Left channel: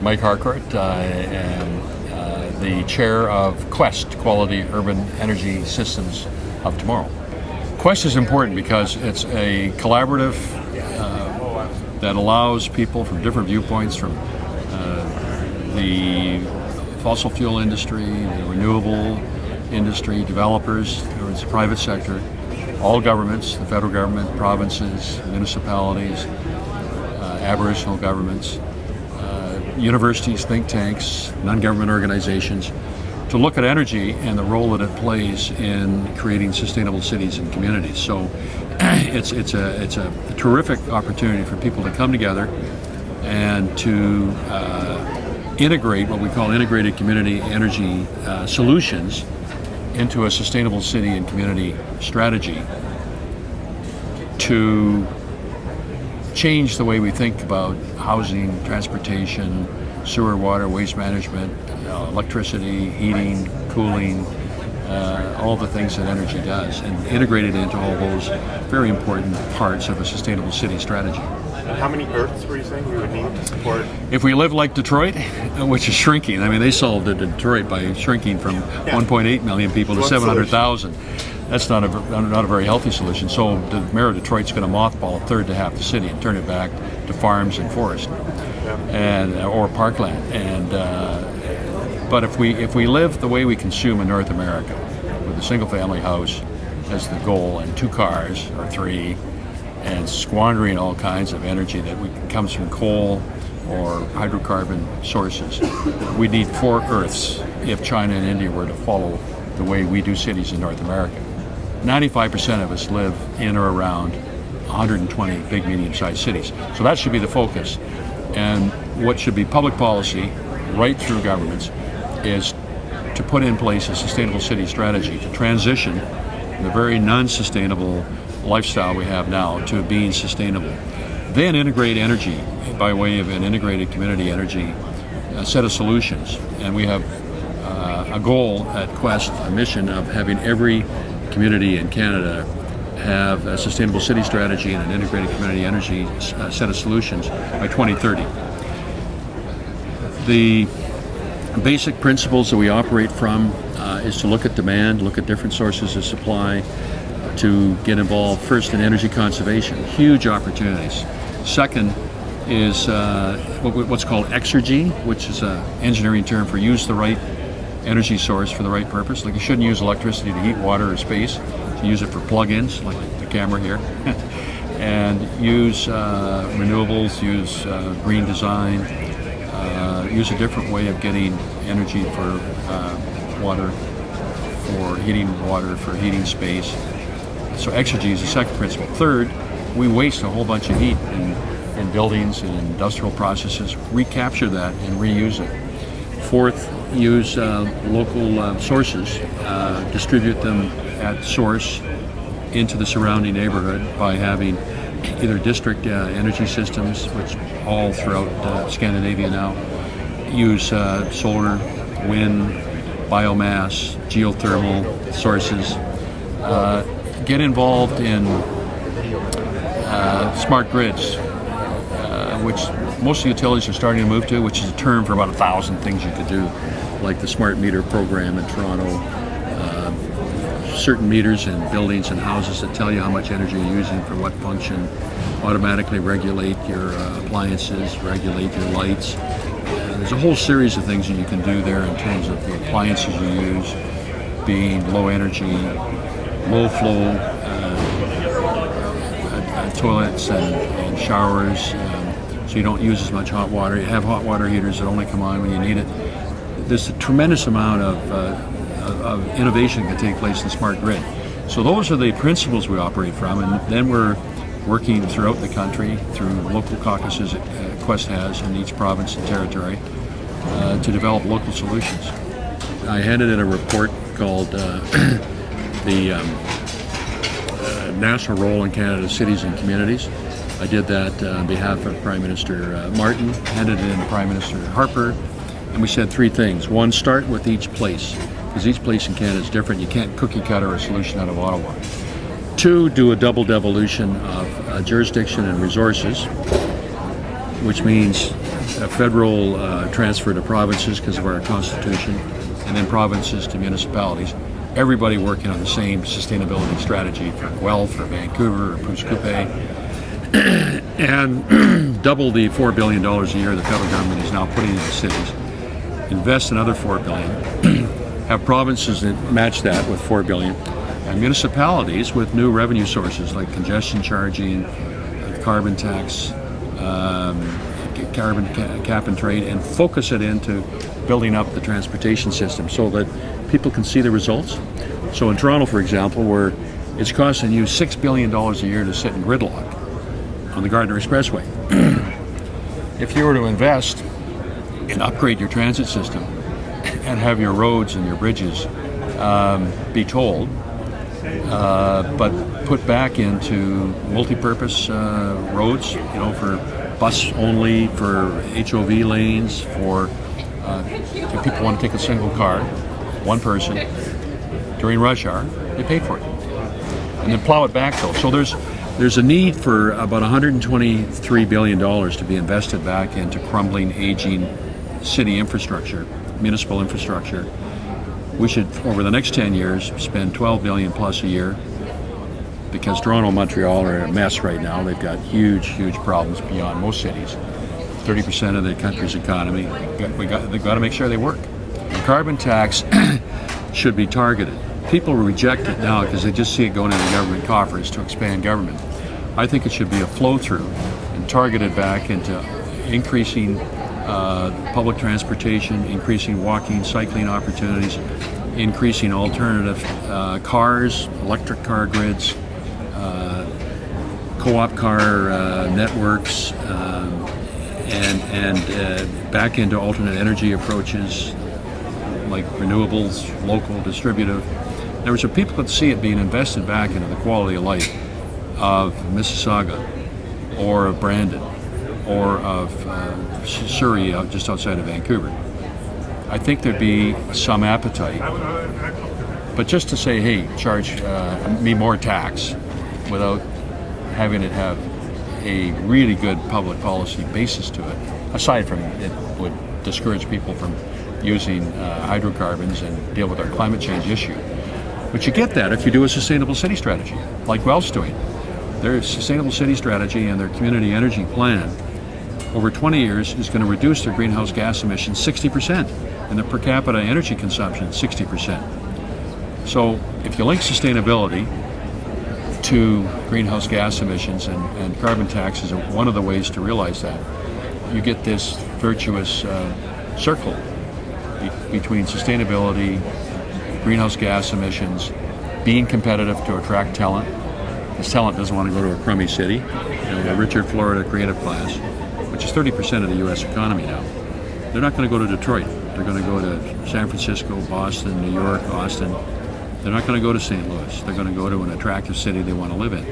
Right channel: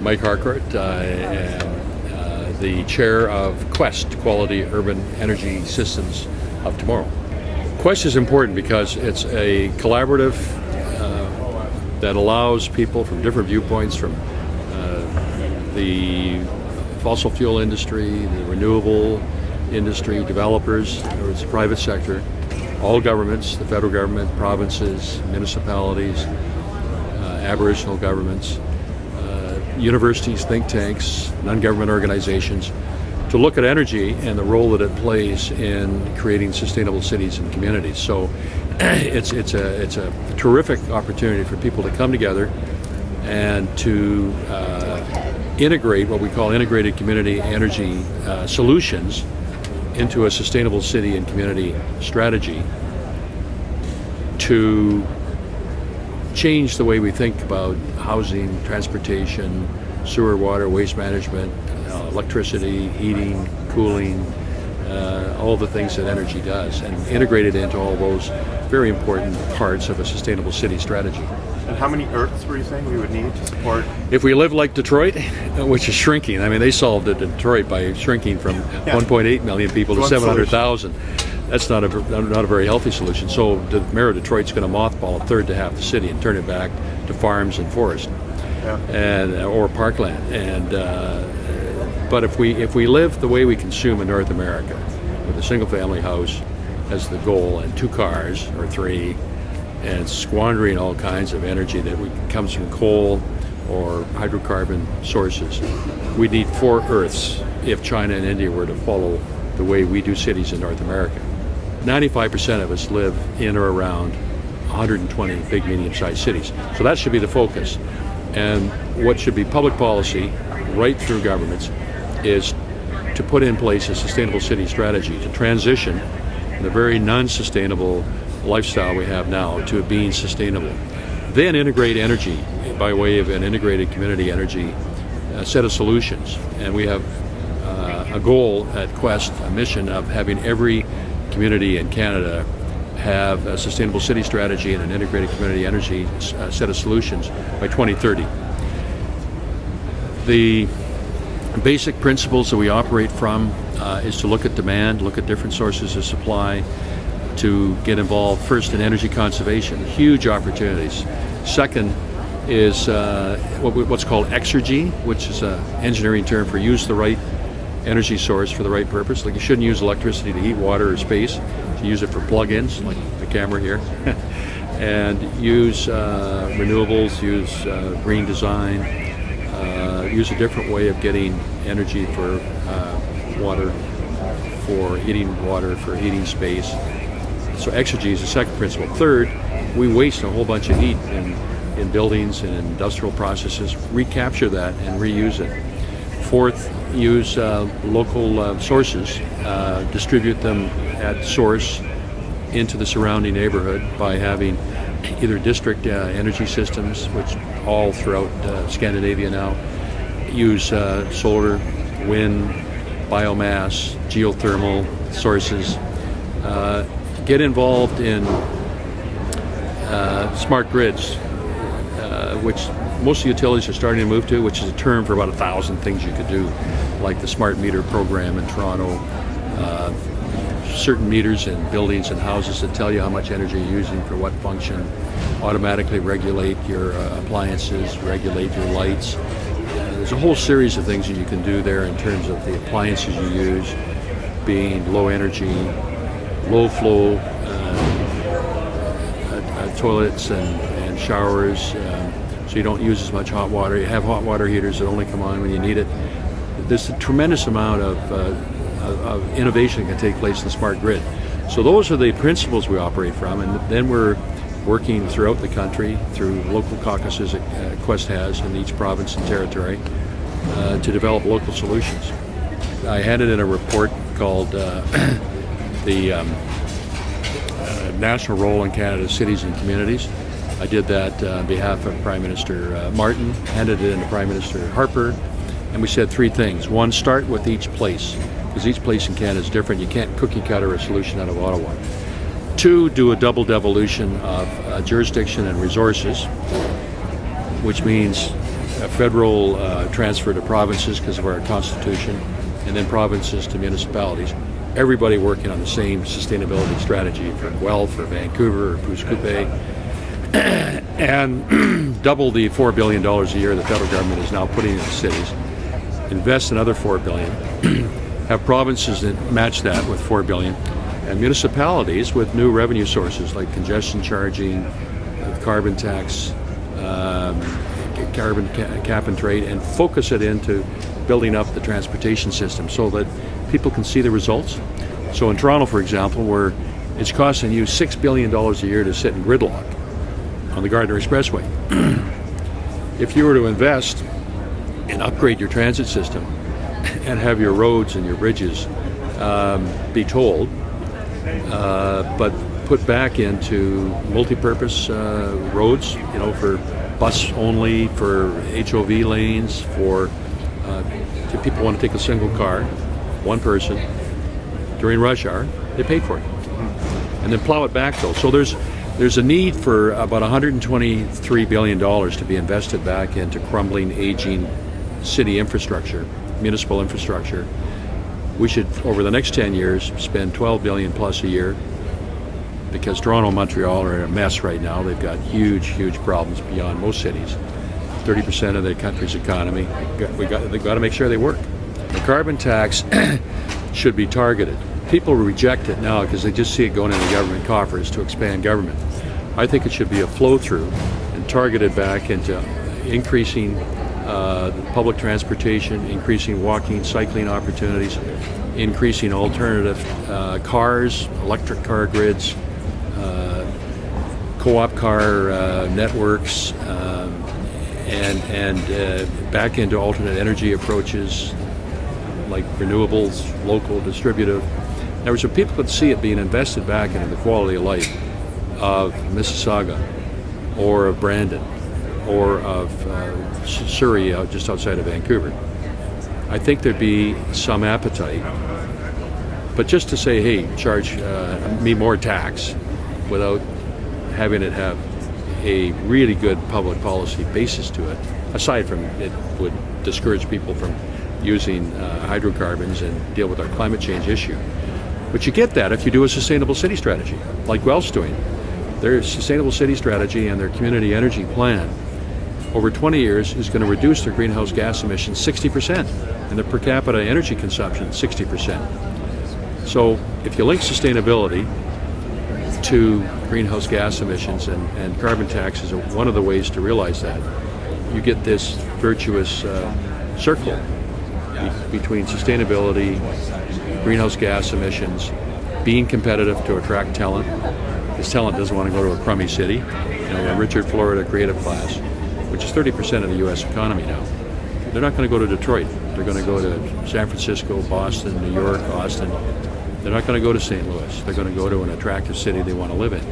Mike Harcourt, and the chair of Quest, Quality Urban Energy Systems of Tomorrow. Quest is important because it's a collaborative that allows people from different viewpoints, from the fossil fuel industry, the renewable industry, developers, the private sector, all governments, the federal government, provinces, municipalities, Aboriginal governments, universities, think tanks, non-government organizations, to look at energy and the role that it plays in creating sustainable cities and communities. So it's a terrific opportunity for people to come together and to integrate what we call integrated community energy solutions into a sustainable city and community strategy to change the way we think about housing, transportation, sewer, water, waste management, electricity, heating, cooling, all the things that energy does, and integrate it into all those very important parts of a sustainable city strategy. And how many Earths were you saying we would need to support? If we live like Detroit, which is shrinking, I mean, they solved it in Detroit by shrinking from 1.8 million people to 700,000. That's not a very healthy solution. So the mayor of Detroit's going to mothball a third to half the city and turn it back to farms and forest, or parkland. And but if we live the way we consume in North America, with a single-family house as the goal and 2 cars or 3, and squandering all kinds of energy that comes from coal or hydrocarbon sources, we need 4 Earths if China and India were to follow the way we do cities in North America. 95% of us live in or around 120 big, medium-sized cities. So that should be the focus. And what should be public policy right through governments is to put in place a sustainable city strategy to transition the very non-sustainable lifestyle we have now to being sustainable. Then integrate energy by way of an integrated community energy set of solutions. And we have a goal at Quest, a mission of having every community in Canada have a sustainable city strategy and an integrated community energy set of solutions by 2030. The basic principles that we operate from is to look at demand, look at different sources of supply, to get involved first in energy conservation, huge opportunities. Second is what's called exergy, which is an engineering term for use the right energy source for the right purpose. Like, you shouldn't use electricity to heat water or space. You use it for plug-ins, like the camera here, and use renewables, use green design, use a different way of getting energy for water, for heating space. So exergy is the second principle. Third, we waste a whole bunch of heat in buildings and industrial processes. Recapture that and reuse it. Fourth, use local sources, distribute them at source into the surrounding neighborhood by having either district energy systems, which all throughout Scandinavia now use solar, wind, biomass, geothermal sources. Get involved in smart grids, which most utilities are starting to move to, which is a term for about 1,000 things you could do, like the smart meter program in Toronto, certain meters in buildings and houses that tell you how much energy you're using for what function, automatically regulate your appliances, regulate your lights. There's a whole series of things that you can do there in terms of the appliances you use being low energy, low flow toilets and showers, so you don't use as much hot water. You have hot water heaters that only come on when you need it. There's a tremendous amount of innovation that can take place in the smart grid. So those are the principles we operate from, and then we're working throughout the country through local caucuses that Quest has in each province and territory to develop local solutions. I handed in a report called the National Role in Canada's Cities and Communities. I did that on behalf of Prime Minister Martin, handed it in to Prime Minister Harper, and we said 3 things. 1, start with each place, because each place in Canada is different. You can't cookie cutter a solution out of Ottawa. 2, do a double devolution of jurisdiction and resources, which means a federal transfer to provinces because of our constitution, and then provinces to municipalities. Everybody working on the same sustainability strategy for Guelph or Vancouver or Pouce Coupe, and double the $4 billion a year the federal government is now putting into cities. Invest another $4 billion. Have provinces that match that with $4 billion, and municipalities with new revenue sources like congestion charging, carbon tax, carbon cap and trade, and focus it into building up the transportation system so that people can see the results. So in Toronto, for example, where it's costing you $6 billion a year to sit in gridlock on the Gardiner Expressway, if you were to invest and upgrade your transit system and have your roads and your bridges be tolled, but put back into multi-purpose roads, for bus only, for HOV lanes, for if people want to take a single car, one person, during rush hour, they pay for it. And then plow it back though. So there's a need for about $123 billion to be invested back into crumbling, aging city infrastructure, municipal infrastructure. We should, over the next 10 years, spend $12 billion plus a year, because Toronto and Montreal are in a mess right now. They've got huge problems beyond most cities. 30% of the country's economy. They've got to make sure they work. The carbon tax should be targeted. People reject it now because they just see it going into government coffers to expand government. I think it should be a flow-through and targeted back into increasing public transportation, increasing walking, cycling opportunities, increasing alternative cars, electric car grids, co-op car networks, and back into alternate energy approaches like renewables, local, distributive. In other words, so people could see it being invested back into the quality of life of Mississauga or of Brandon or of Surrey, just outside of Vancouver. I think there'd be some appetite. But just to say, hey, charge me more tax without having it have a really good public policy basis to it, aside from it would discourage people from using hydrocarbons and deal with our climate change issue. But you get that if you do a sustainable city strategy, like Guelph's doing. Their sustainable city strategy and their community energy plan over 20 years is going to reduce their greenhouse gas emissions 60% and their per capita energy consumption 60%. So if you link sustainability to greenhouse gas emissions and carbon tax is one of the ways to realize that, you get this virtuous circle between sustainability, greenhouse gas emissions, being competitive to attract talent, because talent doesn't want to go to a crummy city. Richard Florida creative class, which is 30% of the U.S. economy now. They're not going to go to Detroit. They're going to go to San Francisco, Boston, New York, Austin. They're not going to go to St. Louis. They're going to go to an attractive city they want to live in.